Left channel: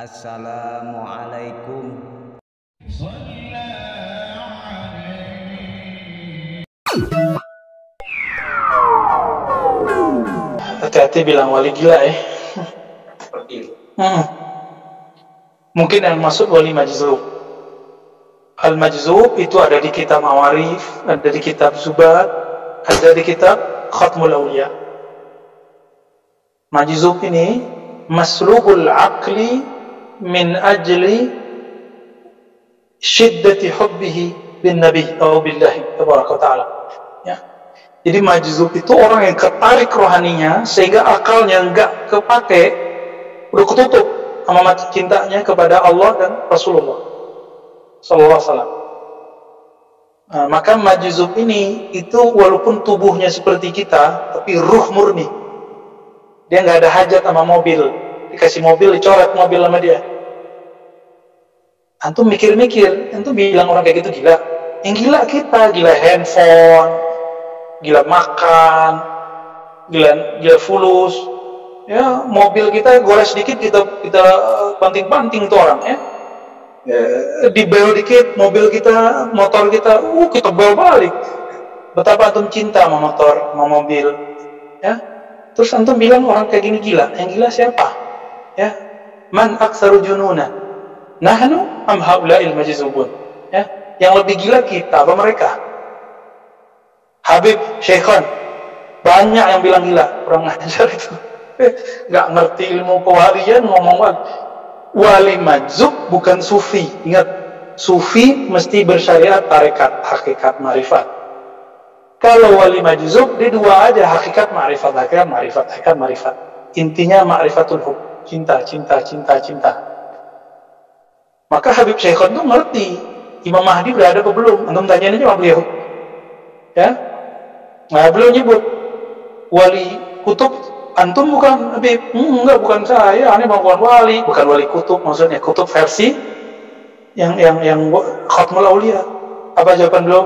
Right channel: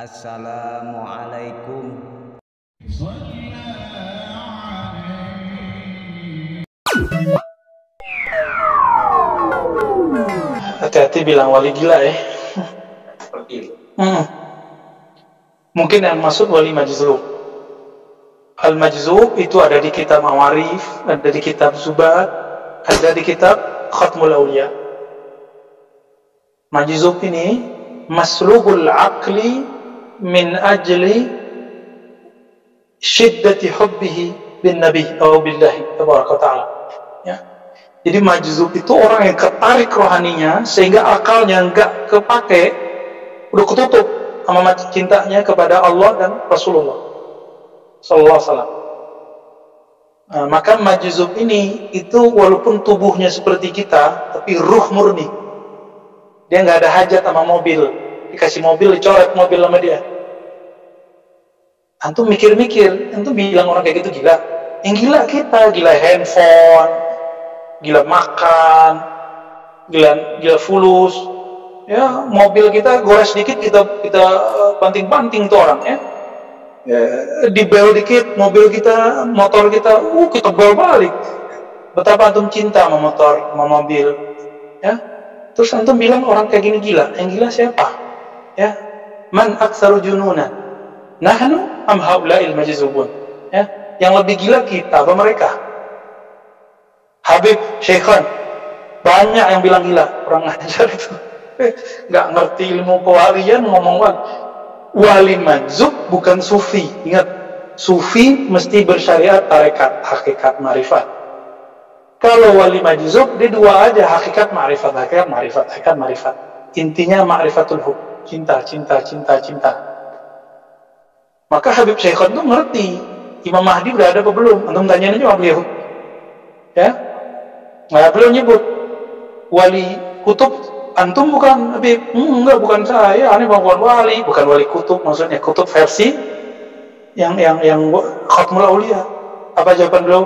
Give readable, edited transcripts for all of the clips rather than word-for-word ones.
Assalamualaikum. Hati-hati bilang wali gila ya. Mungkin yang maksud wali majzub. Al-majzub itu ada di kitab Mawarif, ada di kitab Zubat, ada di kitab Khatmul Awliya. Majzub ini maslubul aqli min ajli syiddati hubbihi bin nabi atau billahi tabaraka ta'ala. Ya. Jadi majzub itu orang yang ketarik rohaninya sehingga akalnya enggak kepake, udah ketutup sama cintanya kepada Allah dan Rasulullah sallallahu alaihi wasallam. Maka majzub ini itu walaupun tubuhnya seperti kita tapi ruh murni. Dia nggak ada hajat sama mobil, dikasih mobil dicoret mobil sama dia. Antum mikir-mikir, antum bilang orang kayak gitu gila. Yang gila kita, gila handphone, gila makan, gila fulus. Ya, mobil kita gores dikit kita banting-banting tuh orang ya. Dibel dikit mobil kita, motor kita, kita bel balik. Betapa antum cinta sama motor, sama mobil. Ya. Terus antum bilang orang kayak gini gila. Yang gila siapa? Ya. Man aktsaru jununa? Nahnu am haula'il majzubun? Ya. Yang lebih gila kita apa mereka? Habib Syekhan banyak yang bilang gila, kurang ajar itu. Nggak ngerti ilmu kewalian ngomong wali. Wali majzub bukan sufi. Ingat, sufi mesti bersyariat tarekat, hakikat, ma'rifat. Kalau wali majzub, dia dua aja, hakikat, ma'rifat, hakikat, ma'rifat, hakikat, ma'rifat. Intinya ma'rifatul hub, cinta, cinta, cinta, cinta. Maka Habib Syekhan tuh ngerti Imam Mahdi udah ada apa belum? Antum tanyain aja sama beliau. Ya, nah, beliau nyebut wali kutub. Antum bukan Habib, enggak, bukan saya, ini bukan wali, bukan wali kutub, maksudnya kutub versi yang Khatmul Aulia. Apa jawaban beliau?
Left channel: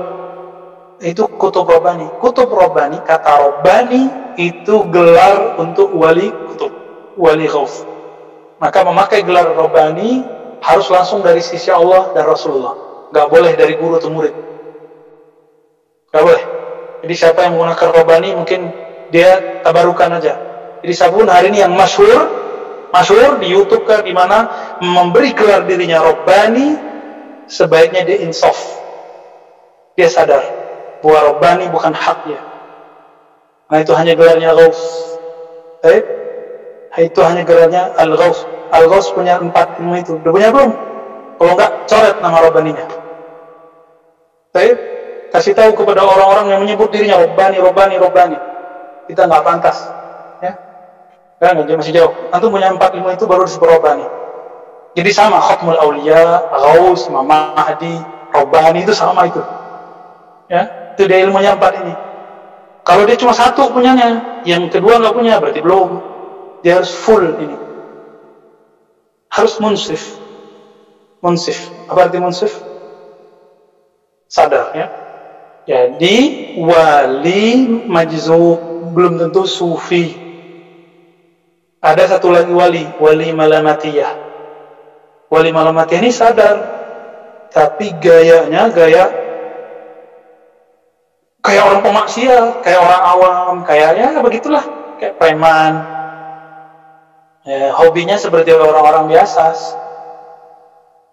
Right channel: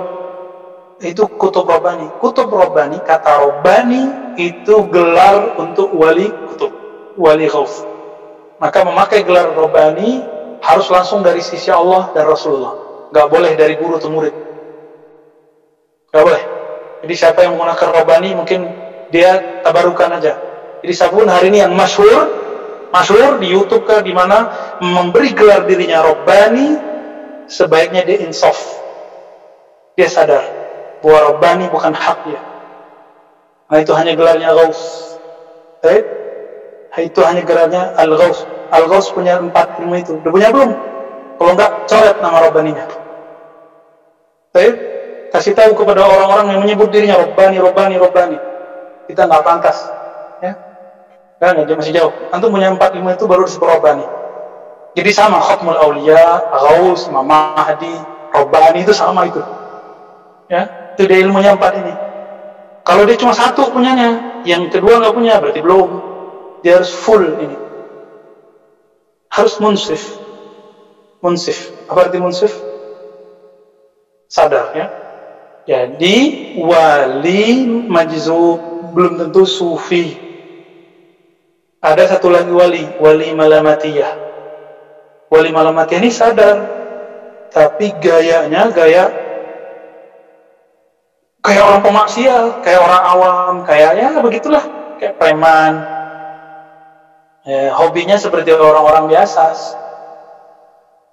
Itu kutub Rabbani. Kutub Rabbani, kata Rabbani itu gelar untuk wali kutub, wali ghaus. Maka memakai gelar Rabbani harus langsung dari sisi Allah dan Rasulullah. Enggak boleh dari guru atau murid. Enggak boleh. Jadi siapa yang menggunakan Rabbani mungkin dia tabarukan aja. Jadi sabun hari ini yang masyhur di YouTube kan, di mana memberi gelar dirinya Rabbani, sebaiknya dia insaf. Dia sadar bahwa Rabbani bukan hak dia. Nah, itu hanya gelarnya Ghaus. Itu hanya gelarnya Al-Ghaus. Al-Ghaus punya 4 ilmu itu. Udah punya belum? Kalau enggak, coret nama Rabbaninya. Kasih tahu kepada orang-orang yang menyebut dirinya Rabbani. Kita nggak pantas. Ya. Kan masih jauh. Antum punya 4 ilmu itu baru disebut Rabbani. Jadi sama Khatmul Auliya, Ghaus, Imam Mahdi, Rabbani itu sama itu. Ya, itu dia ilmunya 4 ini. Kalau dia cuma 1 punyanya, yang kedua nggak punya, berarti belum. Dia harus full ini. Harus munsif. Apa arti munsif? Sadar ya. Jadi wali majzub belum tentu sufi. Ada satu lagi wali malamatiyah. Wali malamatiyah ini sadar, tapi gayanya kayak orang pemaksiat, kayak orang awam, kayaknya begitulah, kayak preman. Hobinya seperti orang-orang biasa.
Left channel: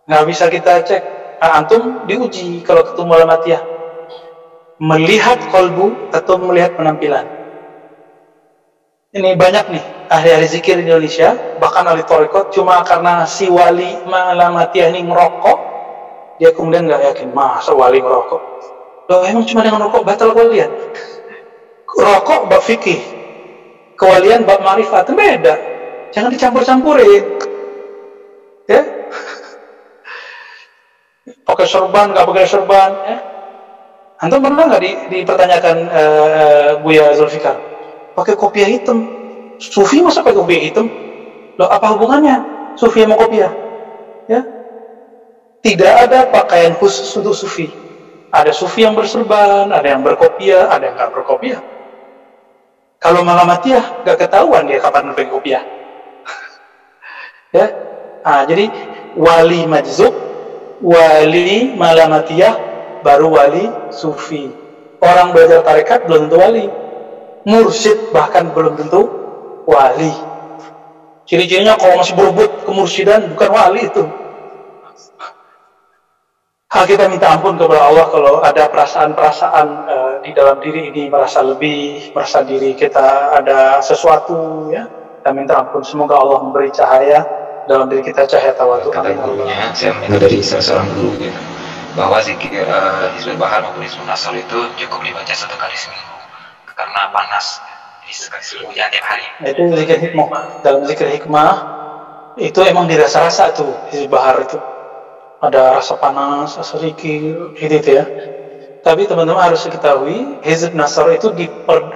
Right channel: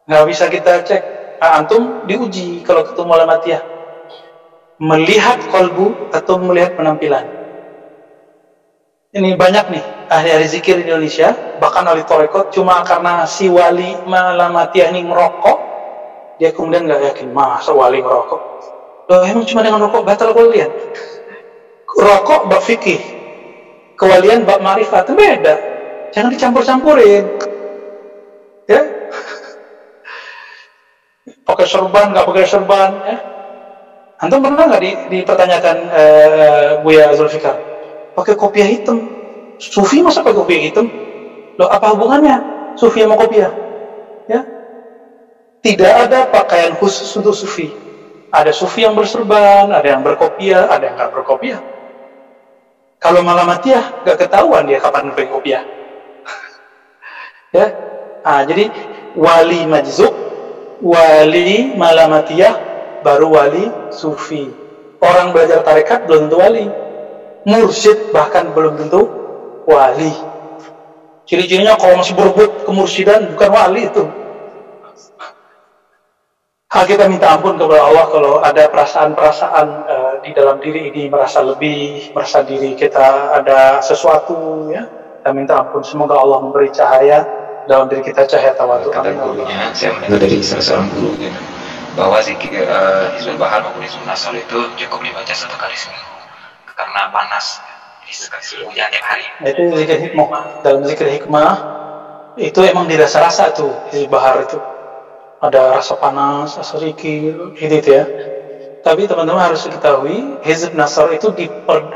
Nggak bisa kita cek. Antum diuji kalau ketemu malamatiyah. Melihat kolbu atau melihat penampilan. Ini banyak nih ahli-ahli zikir di Indonesia, bahkan ahli tarekat, cuma karena si wali malamatiyah ini ngerokok, dia kemudian nggak yakin, masa wali ngerokok? Loh, emang cuma dengan rokok batal kewalian? Rokok bab fikih, kewalian bab ma'rifat, beda. Jangan dicampur-campurin. Ya? Pakai serban, nggak pakai serban, ya? Antum pernah nggak dipertanyakan Buya Zulfikar? Pakai kopiah hitam, sufi masa pakai kopiah hitam? Loh, apa hubungannya sufi sama kopiah? Ya, tidak ada pakaian khusus untuk sufi. Ada sufi yang berserban, ada yang berkopiah, ada yang nggak berkopiah. Kalau malamatiyah nggak ketahuan dia kapan pakai kopiah. Ya, Jadi wali majzub, wali malamatiyah, baru wali sufi. Orang belajar tarekat belum tentu wali, mursyid bahkan belum tentu wali. Ciri-cirinya kalau masih berebut kemursidan bukan wali itu. Kita minta ampun kepada Allah kalau ada perasaan-perasaan di dalam diri ini, merasa lebih, merasa diri kita ada sesuatu, ya. Kita minta ampun, semoga Allah memberi cahaya dalam diri kita, cahaya tawadu. Kata gurunya, saya mendengar dari salah seorang guru gitu, bahwa zikir Hizbul Bahar maupun Hizbul Nasr itu cukup dibaca 1 kali seminggu karena panas, jadi sekali seminggu, jangan tiap hari. Itu zikir hikmah. Dalam zikir hikmah itu emang dirasa-rasa tuh Hizbul Bahar itu. Ada rasa panas, rasa rikil, gitu ya. Tapi teman-teman harus diketahui, Hizb Nasr itu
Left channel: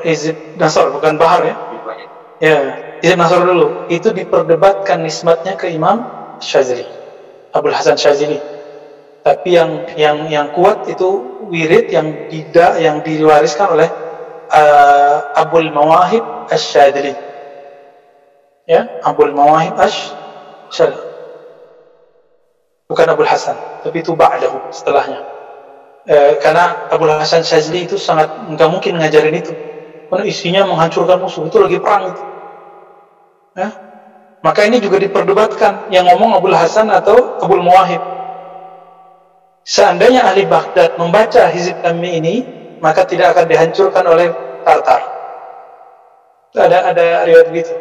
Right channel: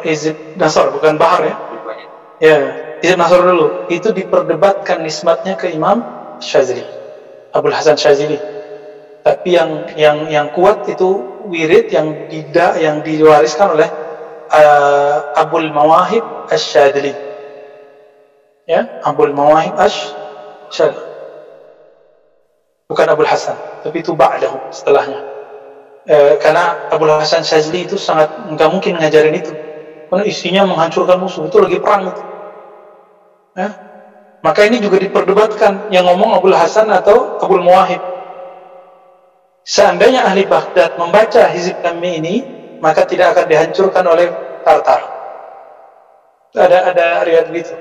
Hizb Nasr bukan Bahar ya. Ya, Hizb Nasr dulu itu diperdebatkan nisbatnya ke Imam Syazili, Abul Hasan Syazili. Tapi yang kuat itu wirid yang diwariskan oleh Abul Mawahib Asy-Syadzili. Ya, Abul Mawahib Asy-Syadzili. Bukan Abul Hasan, tapi itu ba'dahu, setelahnya. Karena Abul Hasan Syadzili itu sangat nggak mungkin ngajarin itu, karena isinya menghancurkan musuh, itu lagi perang itu. Ya? Maka ini juga diperdebatkan, yang ngomong Abul Hasan atau Abul Mawahib. Seandainya ahli Baghdad membaca hizib kami ini, maka tidak akan dihancurkan oleh Tartar. Ada riwayat begitu.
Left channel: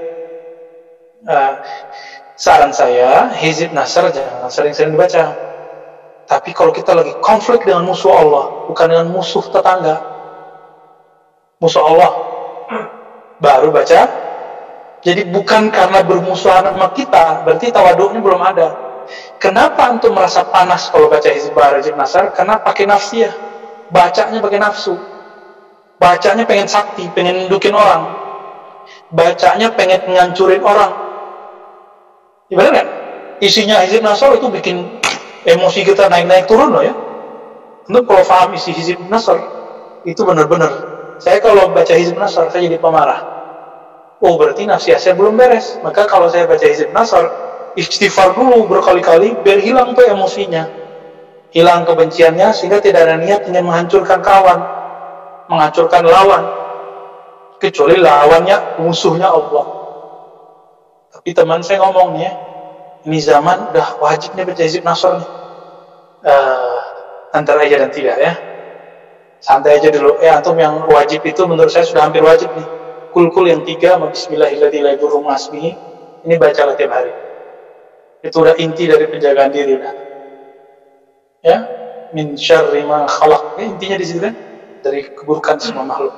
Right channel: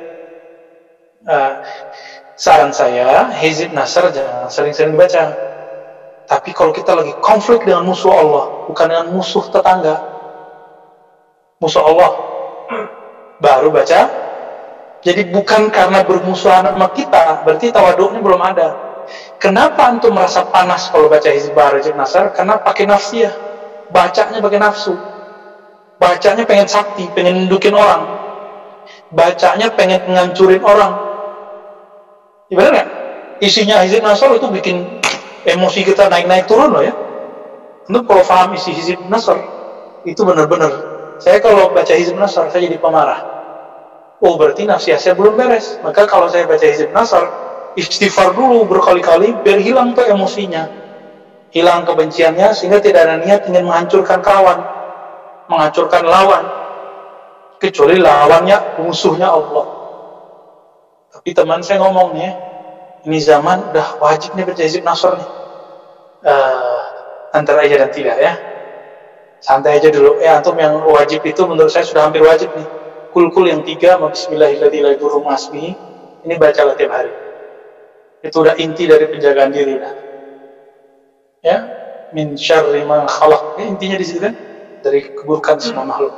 Saran saya, Hizib Nasr jangan sering-sering dibaca. Tapi kalau kita lagi konflik dengan musuh Allah, bukan dengan musuh tetangga, musuh Allah, baru baca. Jadi bukan karena bermusuhan sama kita, berarti tawaduknya belum ada. Kenapa antum merasa panas kalau baca Hizib Bahar, Hizib Nasr? Karena pakai nafsiyah, bacanya pakai nafsu, bacanya pengen sakti, pengen nundukin orang, bacanya pengen ngancurin orang. Ya benar nggak? Isinya Hizib Nasr itu bikin emosi kita naik-naik turun loh ya. Untuk kalau paham isi Hizib Nasr itu benar-benar. Saya kalau baca Hizib Nasr saya jadi pemarah. Oh berarti nafsiyah saya belum beres. Maka kalau saya baca Hizib Nasr, istighfar dulu berkali-kali biar hilang tuh emosinya, hilang kebenciannya, sehingga tidak ada niat ingin menghancurkan kawan, menghancurkan lawan, kecuali lawannya musuhnya Allah. Tapi teman saya ngomong nih ya, ini zaman udah wajib nih baca Hizib Nasr nih. Antara iya dan tidak ya. Santai aja dulu. Antum yang wajib itu menurut saya sudah hampir wajib nih. Kul yang 3 sama Bismillahirrahmanirrahim la yadurru ma'asmihi. Ini bacalah tiap hari. Itu udah inti dari penjagaan diri udah. Ya, min syarri ma khalaq. Intinya di situ kan, dari keburukan semua makhluk.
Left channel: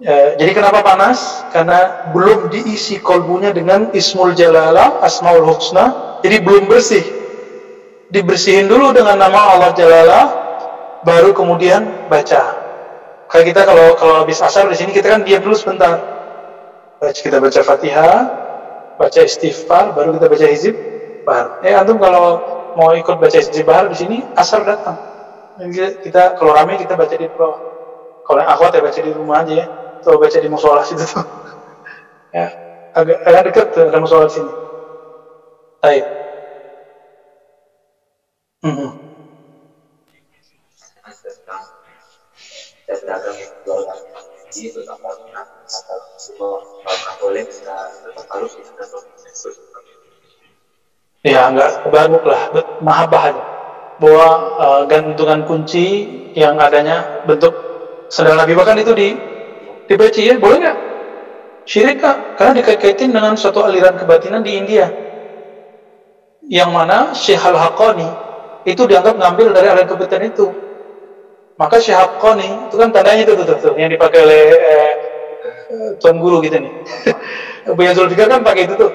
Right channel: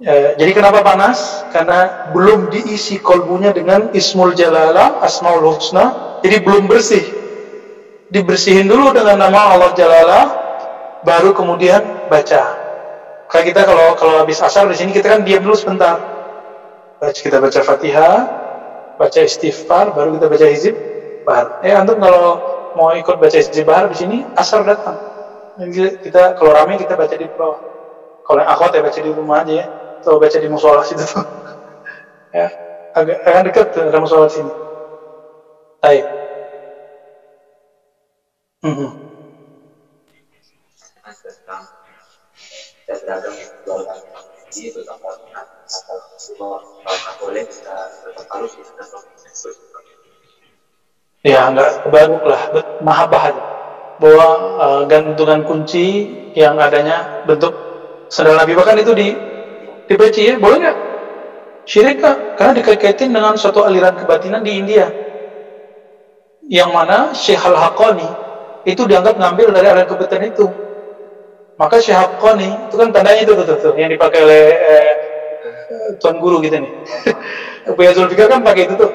Jadi kenapa panas? Karena belum diisi kolbunya dengan Ismul Jalalah, Asmaul Husna. Jadi belum bersih. Dibersihin dulu dengan nama Allah Jalalah, baru kemudian baca. Kayak kita kalau habis asar di sini kita kan diam dulu sebentar. Kita baca Fatihah, baca istighfar, baru kita baca Hizib Bahar. Antum kalau mau ikut baca Hizib Bahar di sini, asar datang. Kita kalau ramai kita baca di bawah. Kalau yang akhwat ya baca di rumah aja ya. Atau baca di musola situ tuh. Ya, agak dekat tuh ada musola di sini. Baik. Saya beragam itu apakah boleh kita tetap harus kita ya nggak kebaruk lah, mahabbah aja bahwa gantungan kunci yang adanya bentuk sandal Nabi, bahkan itu dipeci ya, boleh nggak? Syirik nggak? Karena dikait-kaitin dengan suatu aliran kebatinan di India, yang mana Syekh Al-Haqqani itu dianggap ngambil dari aliran kebatinan itu. Maka Syekh Haqqani itu kan tandanya itu tuh yang dipakai oleh tuan guru gitu nih. Buya Zulfikar kan pakai itu tuh.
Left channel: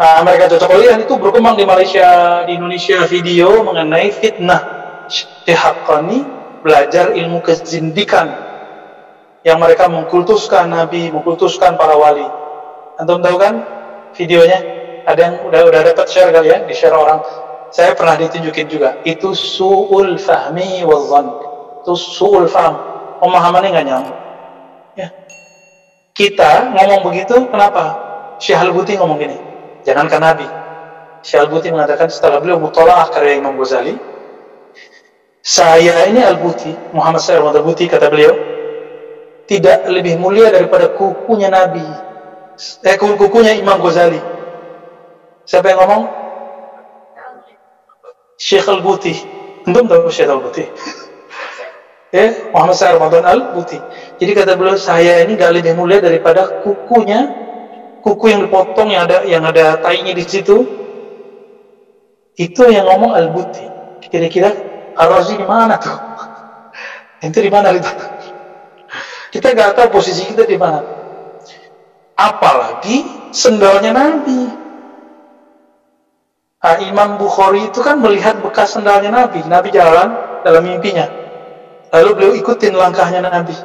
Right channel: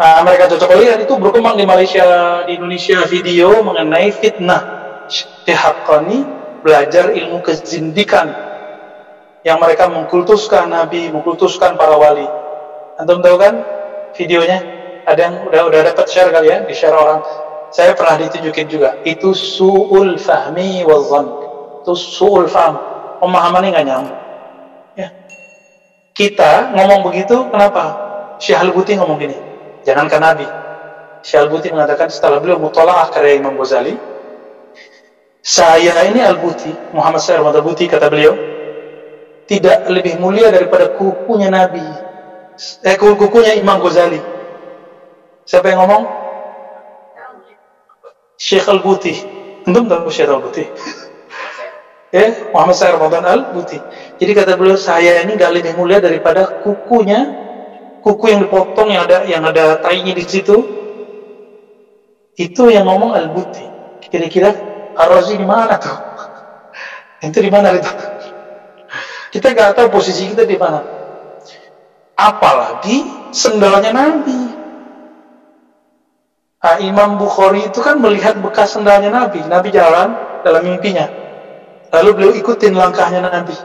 Nah, mereka cocok lihat itu berkembang di Malaysia, di Indonesia video mengenai fitnah Syekh Haqqani belajar ilmu kezindikan yang mereka mengkultuskan Nabi, mengkultuskan para wali. Antum tahu kan videonya? Ada yang udah dapat share kali ya, di share orang. Saya pernah ditunjukin juga. Itu su'ul fahmi wal dhann. Itu su'ul fahm, pemahamannya nggak nyambung. Ya. Kita ngomong begitu, kenapa? Syekh Al-Buti ngomong gini, jangankan Nabi, Syekh Al-Buti mengatakan setelah beliau mutalaah karya Imam Ghazali, saya ini Al-Buti, Muhammad Said Ahmad Al-Buti, kata beliau, tidak lebih mulia daripada kukunya Nabi, kukunya Imam Ghazali. Siapa yang ngomong? Syekh Al-Buti. Antum tahu Syekh Al-Buti? Muhammad Said Ramadan Al-Buti. Jadi kata beliau, saya ini gak lebih mulia daripada kukunya, kuku yang dipotong yang ada tainya di situ. Itu yang ngomong Al-Buti. Kira-kira Ar-Razi di mana tuh? Itu di mana itu? Kita gak tahu posisi kita di mana. Apalagi sendalnya Nabi. Imam Bukhari itu kan melihat bekas sendalnya Nabi. Nabi jalan dalam mimpinya. Lalu beliau ikutin langkahnya Nabi.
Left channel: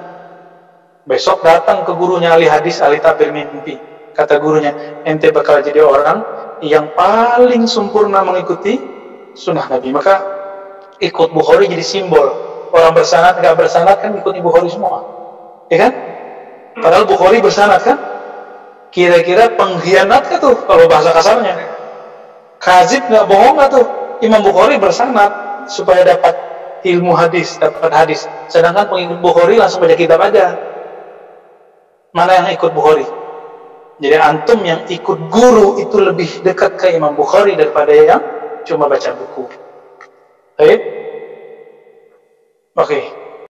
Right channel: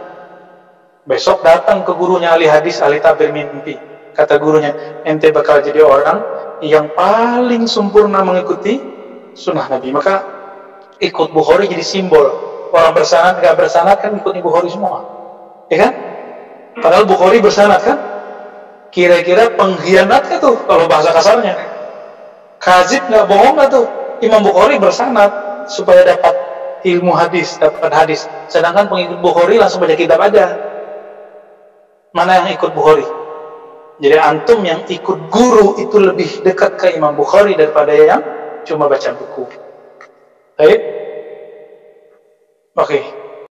Besok datang ke gurunya ahli hadis, ahli tabir mimpi. Kata gurunya, ente bakal jadi orang yang paling sempurna mengikuti sunnah Nabi. Maka ikut Bukhari jadi simbol. Orang bersanad, gak bersanad kan ikutin Bukhari semua. Ya kan? Padahal Bukhari bersanad kan? Kira-kira pengkhianat kan tuh kalau bahasa kasarnya. Kazib gak bohong gak tuh? Imam Bukhari bersanad supaya dapat ilmu hadis, dapat hadis. Sedangkan pengikut Bukhari langsung baca kitab aja. Mana yang ikut Bukhari? Jadi antum yang ikut guru itu lebih dekat ke Imam Bukhari daripada yang cuma baca buku. Baik? Oke.